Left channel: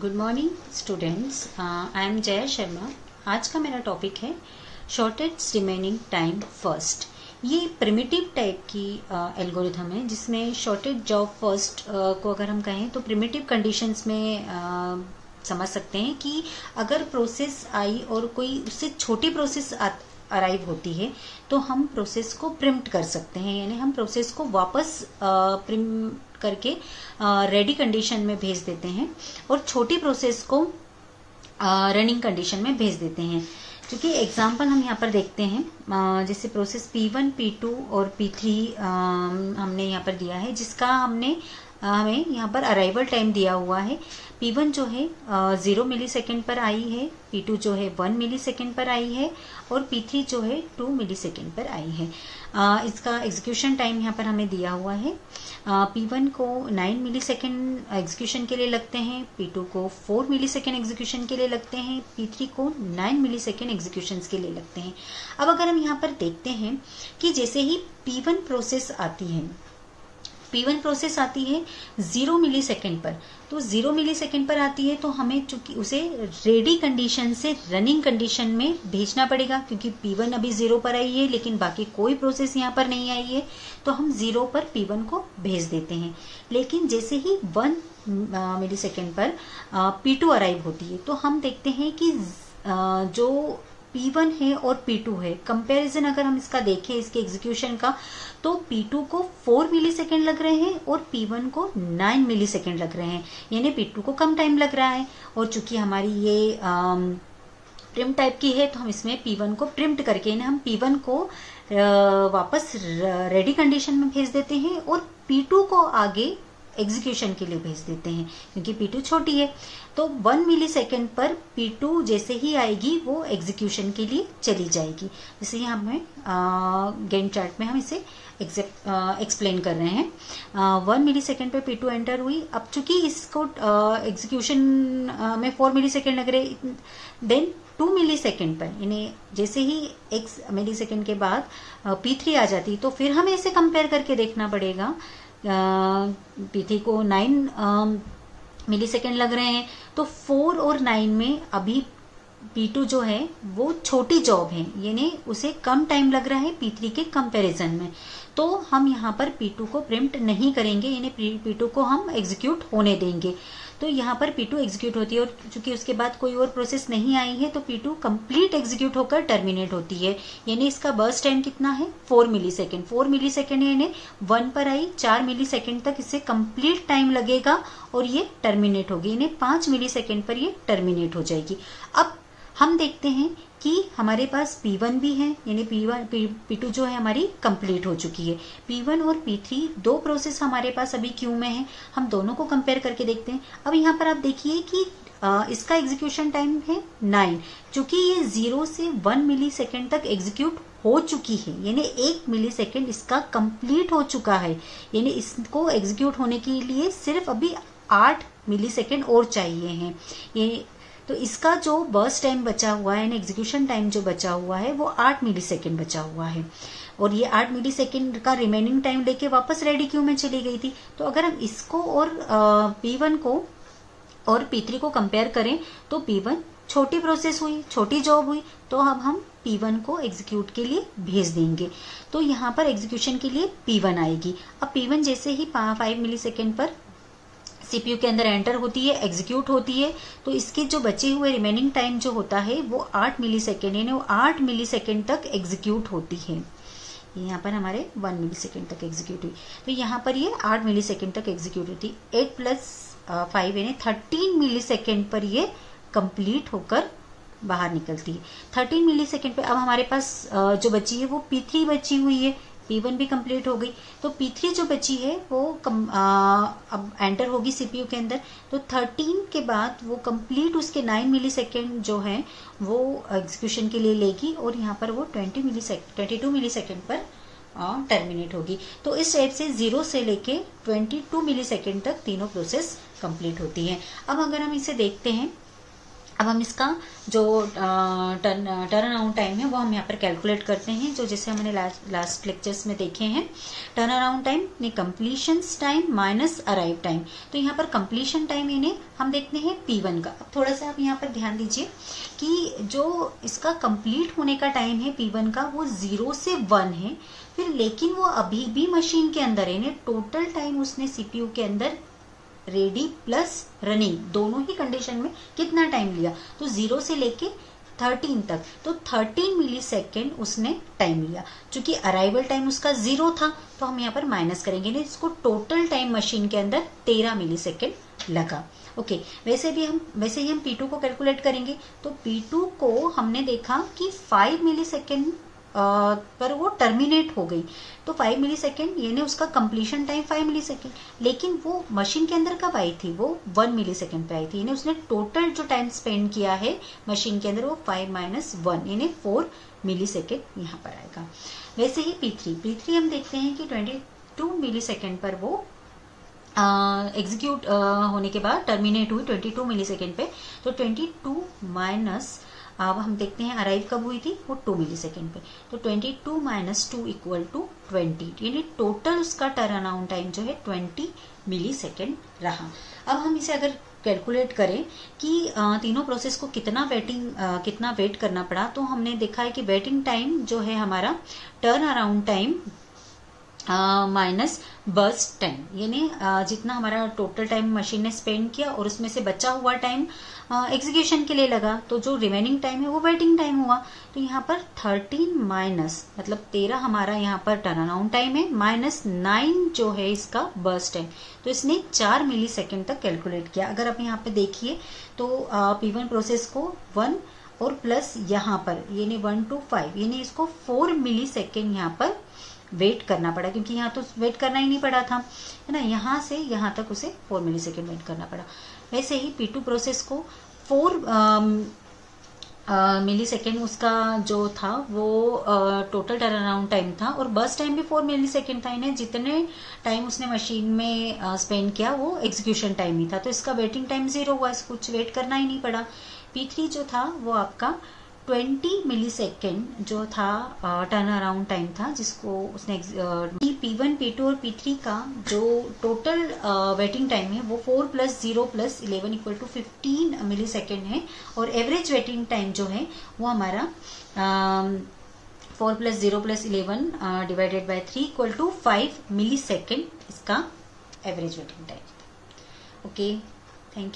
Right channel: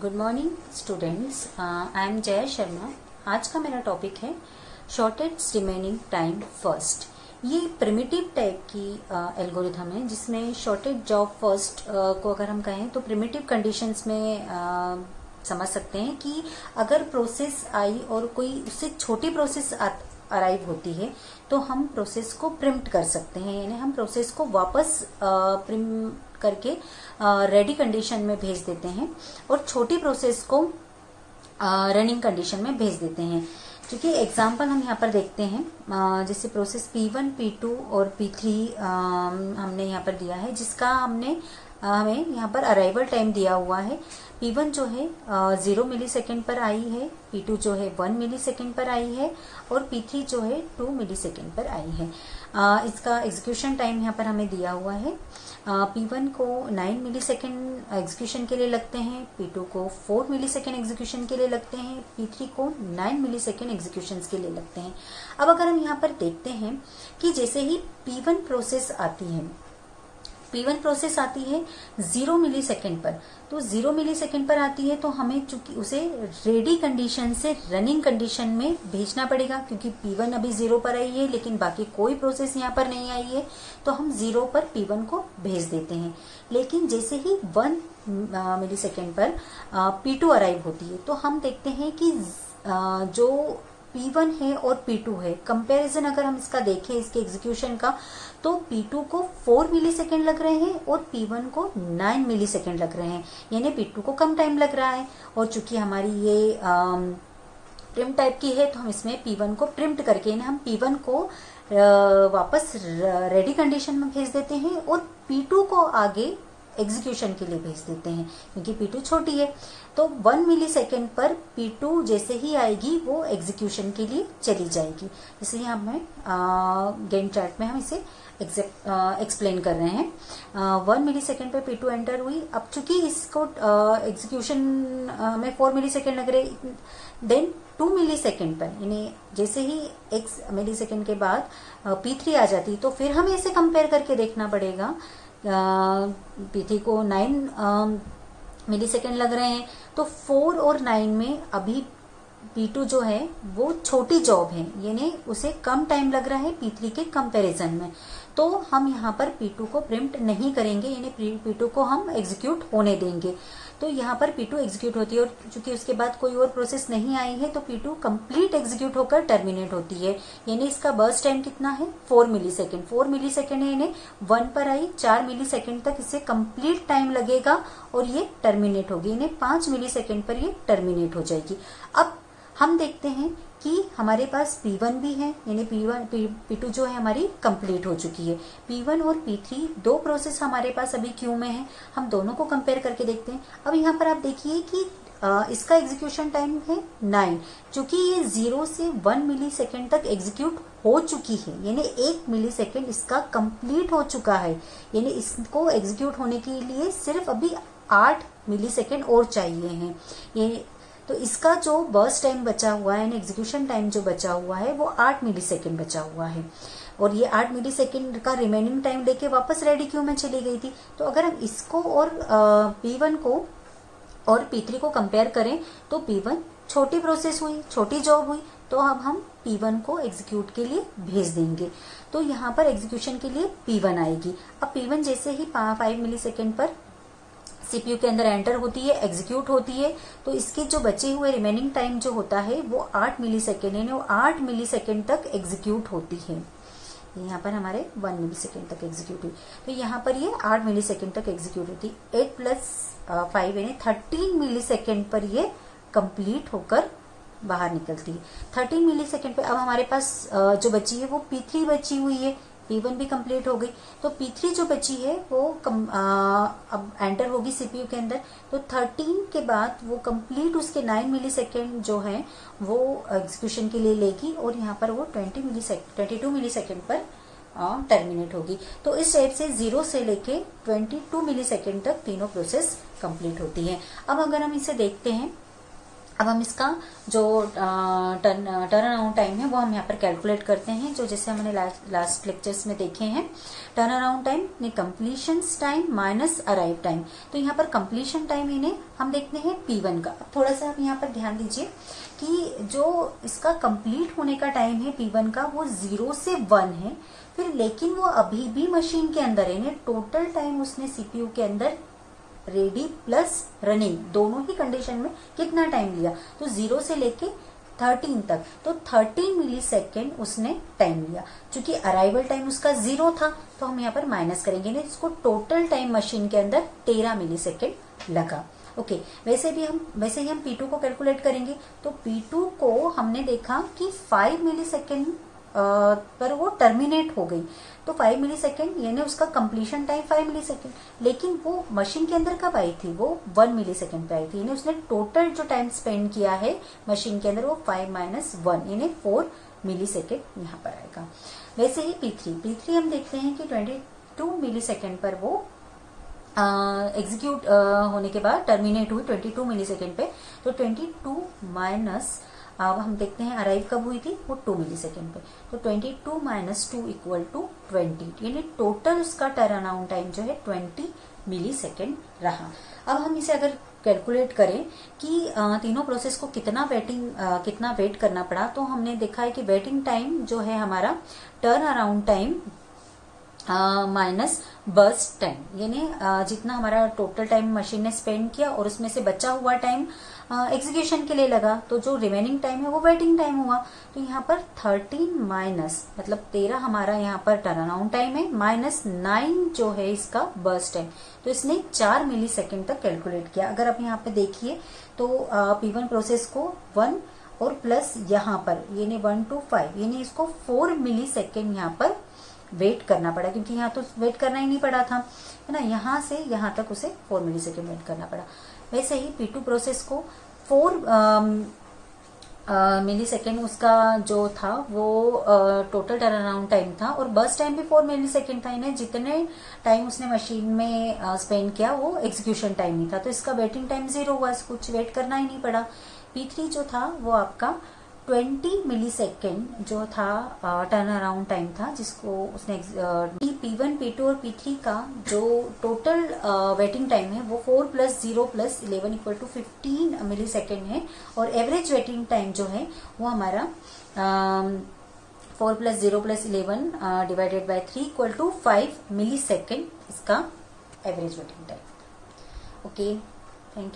Good morning students, I am Jaya Sharma. आज का मेरा टॉपिक है शॉर्टेस्ट रिमेनिंग टाइम फर्स्ट। ये प्रिमिटिव टाइप की एल्गोरिथम है जिसमें शॉर्टेस्ट जॉब फर्स्ट को अगर हम कहें तो प्रिमिटिव कंडीशंस में समझ सकते हैं कि अगर प्रोसेस आई और कोई उससे छोटी प्रोसेस अराइव होती है तो हम प्रोसेस को प्रिम्प्ट कर सकते हैं, यानी हम प्रोसेस को वापस प्रिम्प्ट करके रेडी कंडीशन में भेज देते हैं और छोटी प्रोसेस को रनिंग कंडीशन में भेज देते हैं। क्योंकि एग्जांपल हम यहाँ पर देखते हैं, जैसे प्रोसेस P1, P2 और P3 हमने यहाँ पर दिया है, जिसका हमें यहाँ पर अराइवल टाइम दिया हुआ है। P1 जो है 0 मिलीसेकेंड पर आई है, P2 जो है 1 मिलीसेकेंड पर आई है और P3 जो है 2 मिलीसेकेंड पर आई है। इसका एग्जीक्यूशन टाइम यहाँ पर हमें दिया हुआ है। P1 को 9 मिलीसेकेंड एग्जीक्यूशन के लिए लगते हैं, P2 को 4 मिलीसेकेंड एग्जीक्यूशन के लिए लगते हैं, P3 को 9 मिलीसेकेंड एग्जीक्यूशन के लिए लगते हैं। अब अगर हम यहाँ पर देखते हैं कि जैसे ही P1 प्रोसेस आती है 0 मिलीसेकेंड पर, तो 0 मिलीसेकेंड पर आती है तो हमें चूंकि उसे रेडी कंडीशन से रनिंग कंडीशन में भेजना पड़ेगा, क्योंकि P1 अभी 0 पर आई है लेकिन बाकी कोई प्रोसेस यहाँ पर नहीं आई है, तो हम 0 पर P1 को भेज देते हैं। लेकिन जैसे ही 1 मिलीसेकेंड पर P2 अराइव होती है तो हम देखते हैं कि जो P1 है और P2 है, कंपैरिजन अगर हम इसका देखें इसके एग्जीक्यूशन का, तो P2 को 4 मिलीसेकेंड लग रहे हैं और P1 को 9 मिलीसेकेंड लग रहे हैं, यानी P2 को कम टाइम लग रहा है। और चूंकि हमारी ये प्रिम्प्ट टाइप की है तो हम इसमें P1 को प्रिम्प्ट करके हम P1 को वापस रेडी कंडीशन में भेज देते हैं और P2 को आगे एग्जीक्यूशन के लिए भेज देते हैं, क्योंकि P2 छोटी है। तो 1 मिलीसेकेंड पर P2 जैसे ही आएगी वो एग्जीक्यूशन के लिए चली जाएगी। जैसे यहाँ हमें गैंट चार्ट में हम इसे एक्सप्लेन कर रहे हैं। 1 मिलीसेकेंड पे P2 एंटर हुई। अब चूंकि इसको एग्जीक्यूशन में 4 मिलीसेकेंड लग रहे, देन 2 मिलीसेकेंड पर, यानी जैसे ही x मिलीसेकेंड के बाद P3 आ जाती तो फिर हमें इसे कंपेयर करके देखना पड़ेगा। P3 को 9 मिलीसेकेंड लग रहे हैं तो 4 और 9 में अभी P2 जो है वो छोटी जॉब है, यानी उसे कम टाइम लग रहा है P3 के कंपैरिजन में, तो हम यहाँ पर P2 को प्रिम्प्ट नहीं करेंगे, यानी P2 को हम एग्जीक्यूट होने देंगे। तो यहाँ पर P2 एग्जीक्यूट होती है और चूंकि उसके बाद कोई और प्रोसेस नहीं आई है तो P2 कंप्लीट एग्जीक्यूट होकर टर्मिनेट होती है, यानी इसका बर्स्ट टाइम कितना है 4 मिलीसेकेंड। 4 मिलीसेकेंड यानी 1 पर आई 4 मिलीसेकेंड तक इसे कंप्लीट टाइम लगेगा और ये टर्मिनेट होगी, यानी 5 मिलीसेकेंड पर ये टर्मिनेट हो जाएगी। अब हम देखते हैं कि हमारे पास P1 भी है, यानी P2 जो है हमारी कंप्लीट हो चुकी है। P1 और P3 दो प्रोसेस हमारे पास अभी क्यू में है, हम दोनों को कंपेयर करके देखते हैं। अब यहाँ पर आप देखिए कि इसका एग्जीक्यूशन टाइम है 9, चूंकि ये 0 से 1 मिलीसेकेंड तक एग्जीक्यूट हो चुकी है, यानी 1 मिलीसेकेंड इसका कंप्लीट हो चुका है, यानी इसको एग्जीक्यूट होने के लिए सिर्फ अभी 8 मिलीसेकेंड और चाहिए हैं। ये तो इसका जो बर्स्ट टाइम बचा हुआ है, एग्जीक्यूशन टाइम जो बचा हुआ है वो 8 मिलीसेकेंड बचा हुआ है, और ये 8 मिलीसेकेंड का रिमेनिंग टाइम लेके वापस रेडी क्यू में चली गई थी। तो अगर हम इसको और P1 को और P3 को कंपेयर करें तो P1 छोटी प्रोसेस हुई, छोटी जॉब हुई, तो अब हम P1 को एग्जीक्यूट के लिए भेज देंगे। तो यहाँ पर एग्जीक्यूशन के लिए P1 आएगी। अब P1 जैसे ही 5 मिलीसेकेंड पर सीपीयू के अंदर एंटर होती है, एग्जीक्यूट होती है, तो इसके जो बचे हुए रिमेनिंग टाइम जो होता है वो 8 मिलीसेकेंड, यानी वो 8 मिलीसेकेंड तक एग्जीक्यूट होती है। यहाँ पर हमारे 1 मिलीसेकेंड तक एग्जीक्यूट हुई, तो यहाँ पर ये 8 मिलीसेकेंड तक एग्जीक्यूट होती है। 8 + 5 यानी 13 मिलीसेकेंड पर ये कंप्लीट होकर बाहर निकलती है। 13 मिलीसेकेंड पे अब हमारे पास जो बची है वो P3 बची हुई है। P1 भी कंप्लीट हो गई, तो P3 जो बची है वो अब एंटर होगी सीपीयू के अंदर, तो 13 के बाद वो कंप्लीट उसके 9 मिलीसेकेंड जो है वो एग्जीक्यूशन के लिए लेगी और यहाँ पर वो 22 मिलीसेकेंड पर टर्मिनेट होगी। तो इस टाइप से 0 से लेके 22 मिलीसेकेंड तक तीनों प्रोसेस कंप्लीट होती है। अब अगर हम इसे देखते हैं अब हम इसका जो टर्न अराउंड टाइम है वो हम यहाँ पर कैलकुलेट करते हैं, जो जैसे हमने लास्ट लेक्चर्स में देखे हैं। टर्न अराउंड टाइम ने completion time minus arrive time. तो यहाँ पर कंप्लीशन टाइम इन्हें हम देखते हैं P1 का। थोड़ा सा आप यहाँ पर ध्यान दीजिए कि जो इसका कंप्लीट होने का टाइम है P1 का वो 0 से 1 है, फिर लेकिन वो अभी भी मशीन के अंदर है। टोटल टाइम उसने CPU के अंदर रेडी प्लस रनिंग दोनों ही कंडीशन में कितना टाइम लिया, तो 0 से लेके 13 तक, तो 13 मिली सेकेंड उसने टाइम लिया। चूंकि अराइवल टाइम उसका 0 था तो हम यहाँ पर माइनस करेंगे, इसको टोटल टाइम मशीन के अंदर 13 मिली सेकेंड लगा। ओके, वैसे ही हम P2 को कैलकुलेट करेंगे। तो P2 को हमने देखा कि 5 मिली सेकेंड पर वो टर्मिनेट हो गई, तो 5 मिली सेकेंड यानी उसका कंप्लीशन टाइम 5 मिली सेकेंड, लेकिन वो मशीन के अंदर कब आई थी, वो 1 मिली सेकेंड पे आई थी। यानी उसने टोटल जो टाइम स्पेंड किया है मशीन के अंदर वो 5 माइनस 1 यानी 4 मिली सेकेंड यहाँ पर आएगा। वैसे ही P3 हम देखते हैं कि 22 मिली सेकेंड पर वो एग्जीक्यूट होने के बाद टर्मिनेट हुई 22 मिली सेकेंड पे। तो 22 माइनस अब हम देखते हैं अराइव कब हुई थी, वो 2 मिली सेकेंड पे। तो 22 माइनस 2 इक्वल टू 20, यानी टोटल उसका टर्न अराउंड टाइम जो है 20 मिली सेकेंड रहा। अब हम इसे अगर कैलकुलेट करें कि तीनों प्रोसेस को कितना वेट करना पड़ा, तो हमने देखा है कि वेटिंग टाइम जो है हमारा turn around time minus burst time, यानी जितना हमारा टोटल टाइम मशीन ने स्पेंड किया और उसमें से बचा हुआ टाइम एग्जीक्यूशन के लिए लगा, तो जो रिमेनिंग टाइम है वो वेटिंग टाइम हुआ। तो यहाँ पर 13 माइनस मतलब 13 हमारा यहाँ पर टर्न अराउंड टाइम है, माइनस 9 जो है इसका बर्स्ट टाइम। तो इसने 4 मिली सेकेंड तक कैलकुलेट किया। अगर आप यहाँ पे देखिए तो P1 प्रोसेस को 1 और प्लस यहाँ पर यानी 1 to 5 यानी इसको 4 मिली सेकेंड यहाँ पर वेट करना पड़ा, क्योंकि यहाँ तो वेट करना ही नहीं पड़ा था, है ना। यहाँ से यहाँ तक उसे 4 मिली सेकेंड वेट करना पड़ा। वैसे ही P2 प्रोसेस को 4 मिली सेकेंड उसका जो था वो टोटल टर्न अराउंड टाइम था, और बर्स्ट टाइम भी 4 मिली सेकेंड था। इन्हें जितने टाइम उसने मशीन में स्पेंड किया वो एग्जीक्यूशन टाइम ही था, तो इसका वेटिंग टाइम 0 हुआ, इसको कुछ वेट करना ही नहीं पड़ा। P3 जो था वो आपका 20 मिली सेकेंड जो था टर्न अराउंड टाइम था, जिसको उसने P1, P2 और P3 का जो टोटल वेटिंग टाइम है वो 4 + 0 + 11 इक्वल टू 15 मिली सेकेंड है, और एवरेज वेटिंग टाइम जो है वो हमारा 4 + 0 + 11 divided by 3 equal to 5 millisecond इसका average waiting time. Okay, thank you.